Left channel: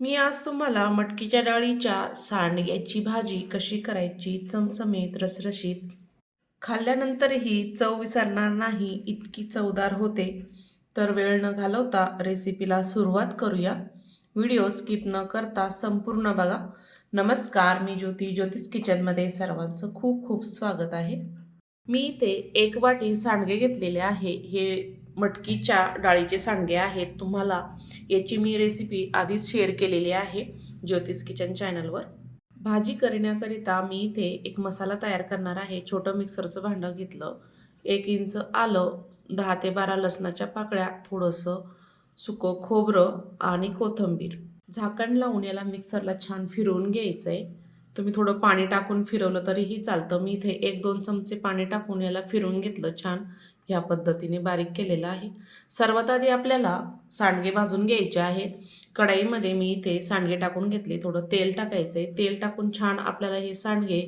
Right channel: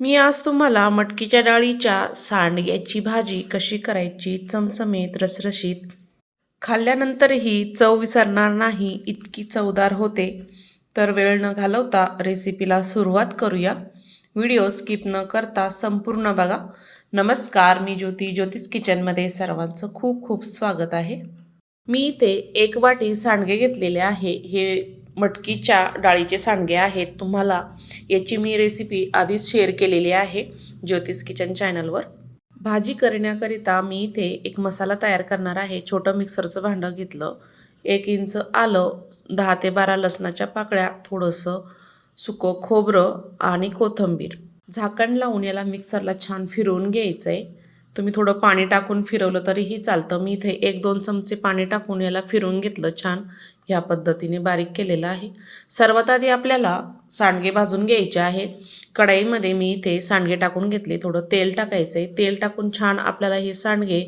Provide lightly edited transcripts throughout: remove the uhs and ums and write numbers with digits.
मी आज तुम्हाला मटकीच्या डाळीच्या सांडग्याची भाजी कशी करायची चमचमीत रसरशीत खाल्ल्यानंतरही चव विसरणार नाही इतकी चवदार होते. तर वेळ न घालवता रेसिपीला सुरुवात करूया. व्हिडिओ स्किप न करता संपूर्ण बघा. नमस्कार, मी ज्योती, ज्योतिष किचनमध्ये सर्वांचं खूप खूप स्वागत आहे. मी इथे 1 वाटी सांडगे घेतलेले आहे. हे मटकीच्या डाळीचे सांडगे आहेत. तुम्हाला याची मी रेसिपी आधीच शेअर केलेली आहे ज्योतिष किचन चॅनलवर. भाजी करण्याकरिता मी इथे एक मसाला तयार करणार आहे. छोटं मिक्सरचं भांडं घेतलं. 1 इंच आलं, 10 ते 12 लसणाच्या पाकळ्या, थोडंसं सुकं खोबरं आणि कोथिंबीर. झाकण लावून याला मिक्सरला छान फिरवून घ्यायचं आहे. तुम्ही थोडं पाणी टाकून फिरवलं तरीही चालतं. मी इथे 1-2 चमचे पाणी टाकून याला फिरवून घेतलं छान. ह्या पद्धतीने बारीक केलेलं आहे. सर्वात आधी आपल्याला सांडगे भाजून घ्यायचे आहे. कढईमध्ये मी इथे सांडगे टाकून घेतले. थोडं तेल टाकायचं आहे. तेल टाकून छान आपल्याला हे सांडगे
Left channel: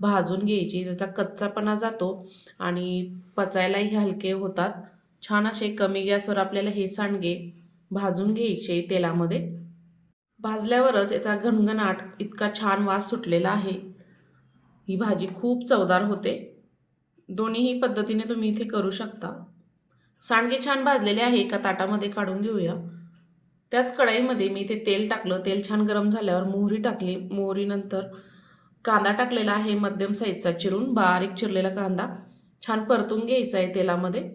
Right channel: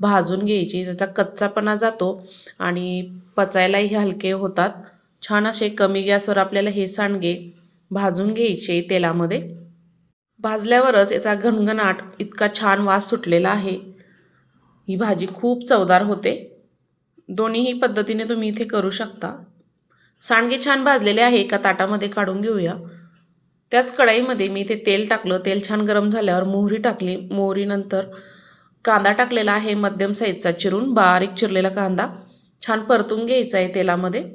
भाजून घ्यायचे. त्याचा कच्चापणा जातो आणि पचायलाही हलके होतात. छान असे कमी गॅसवर आपल्याला हे सांडगे भाजून घ्यायचे तेलामध्ये. भाजल्यावरच याचा घणघणाट इतका छान वास सुटलेला आहे. ही भाजी खूप चवदार होते. दोन्हीही पद्धतीने तुम्ही इथे करू शकता. सांडगे छान भाजलेले आहे. एका ताटामध्ये काढून घेऊया. त्याच कढईमध्ये मी इथे तेल टाकलं. तेल छान गरम झाल्यावर मोहरी टाकली. मोहरीनंतर कांदा टाकलेला आहे मध्यम साईजचा चिरून, बारीक चिरलेला कांदा छान परतून घ्यायचा आहे तेलामध्ये.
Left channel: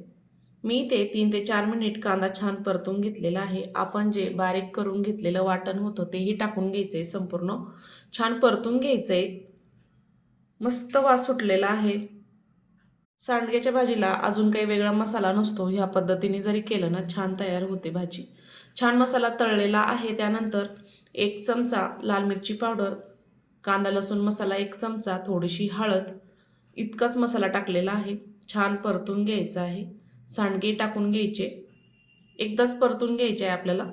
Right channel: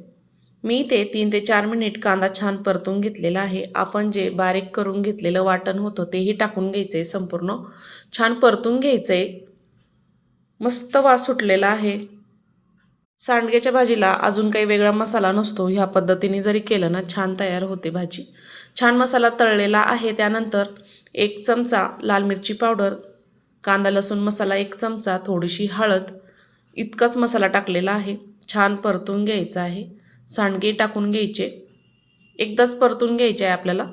मी ते 3 ते 4 मिनिट कांदा छान परतून घेतलेला आहे. आपण जे बारीक करून घेतलेलं वाटण होतं तेही टाकून घ्यायचं आहे. संपूर्ण छान परतून घ्यायचं आहे. मस्त वास सुटलेला आहे. सांडग्याच्या भाजीला अजून काही वेगळा मसाला नसतो. ह्या पद्धतीने जरी केलं ना छान तयार होते भाजी. छान मसाला तळलेला आहे. त्यानंतर 1 चमचा लाल मिरची पावडर, कांदा लसूण मसाला 1 चमचा, थोडीशी हळद इतकाच मसाला टाकलेला आहे. छान परतून घ्यायचा आहे. सांडगे टाकून घ्यायचे. एकदाच परतून घ्यायचे आहे आपल्याला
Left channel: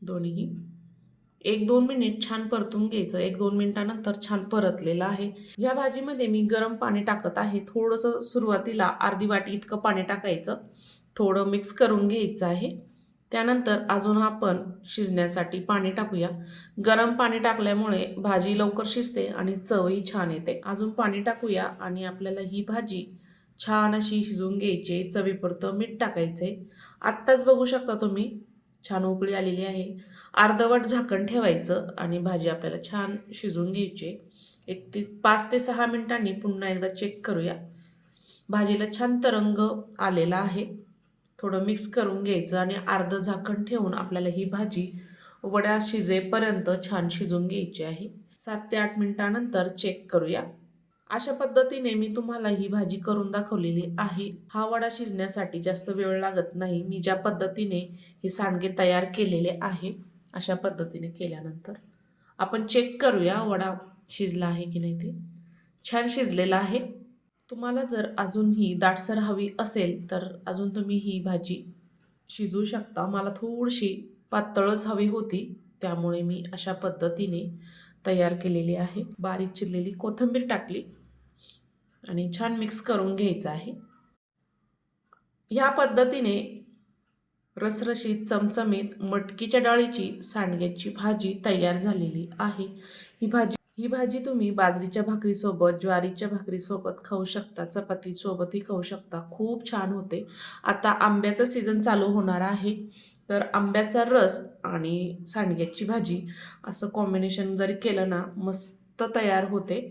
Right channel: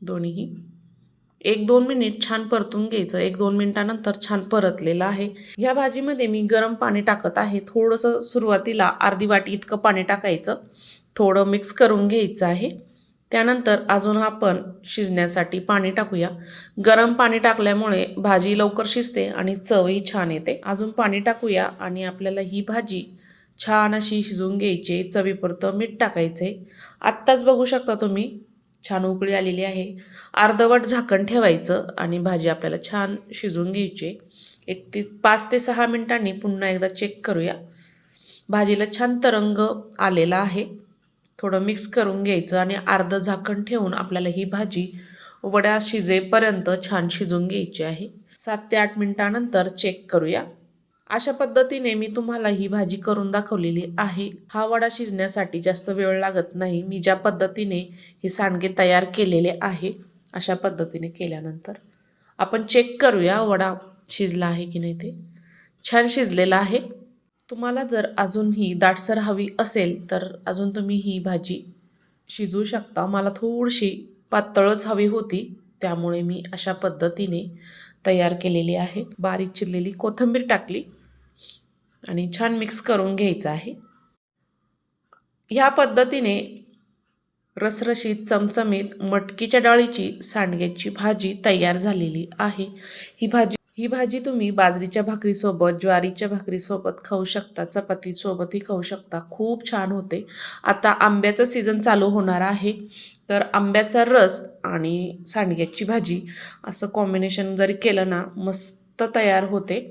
दोन्हीही. 1-2 मिनिट छान परतून घ्यायचं. 1-2 मिनिटानंतर छान परतलेलं आहे. ह्या भाजीमध्ये मी गरम पाणी टाकत आहे. थोडंसं सुरुवातीला अर्धी वाटी इतकं पाणी टाकायचं. थोडं मिक्स करून घ्यायचं आहे. त्यानंतर अजून आपण शिजण्यासाठी पाणी टाकूया. गरम पाणी टाकल्यामुळे भाजी लवकर शिजते आणि चवही छान येते. अजून पाणी टाकूया आणि आपल्याला ही भाजी छान अशी शिजवून घ्यायची. चवीपुरतं मीठ टाकायचं आहे. आत्ताच बघू शकता तुम्ही छान उकळी आलेली आहे. अर्धवट झाकण ठेवायचं आणि भाजी आपल्याला छान शिजवून घ्यायची. 5 ते 6 मिनिटांनी पुन्हा एकदा चेक करूया. भाजीला छान तरंग आलेला आहे. थोडं मिक्स करून घ्यायचं आणि अर्धं झाकण ठेवून आपल्याला ही भाजी वड्या शिजेपर्यंत छान शिजवून घ्यायची आहे. 7 ते 8 मिनिटानंतर चेक करूया. अशा पद्धतीने मी तुम्हाला ही भाजी करून दाखवलेली आहे. हा वडा शिजण्यासाठी जास्त वेळ लागत नाही. मी ज्या पद्धतीने हे सांडगे तयार केलेले आहे अशा पद्धतीने केल्यानंतर आपण चेक करूया वडा शिजला आहे की नाही ते. छान शिजलेला आहे. तुम्हाला जर अजूनही दाटसर हवी असेल तर अजून तुम्ही ही भाजी शिजवू शकता. मला थोडीशी पातळच हवी होती त्यामुळे मी अशा पद्धतीने तयार केलेली आहे. बारीक चिरलेली कोथिंबीर टाकली आणि छान मिक्स करून घ्यायचं आहे. ह्या पद्धतीने रसरशीत चमचमीत मटकीच्या डाळीची सांडग्याची भाजी तयार झालेली आहे. ही भाजी तुम्ही बाजरीच्या भाकरीसोबत, ज्वारीच्या भाकरीसोबत खाऊ शकता, चपातीसोबतही खाऊ शकता. खूप छान होते. आता आंब्याचं सीझन चालू होणार आहे तर आंब्याचा रस आणि सांडग्याची भाजी असं कॉम्बिनेशन जरी केलं ना मस्त तयार होते.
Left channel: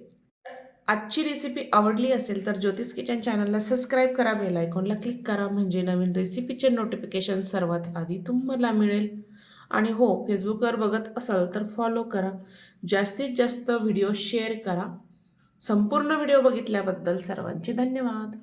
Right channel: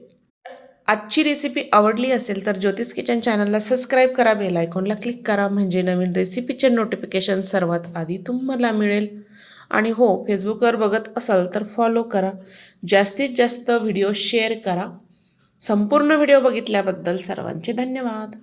आजची रेसिपी आवडली असेल तर ज्योतिष किचन चॅनलला सबस्क्राईब करा, बेल आयकॉनला क्लिक करा म्हणजे नवीन रेसिपीचे नोटिफिकेशन सर्वात आधी तुम्हाला मिळेल. आणि हो, फेसबुकवर बघत असाल तर फॉलो करा. जास्तीत जास्त व्हिडिओ शेअर करा. संपूर्ण व्हिडिओ बघितल्याबद्दल सर्वांचे धन्यवाद.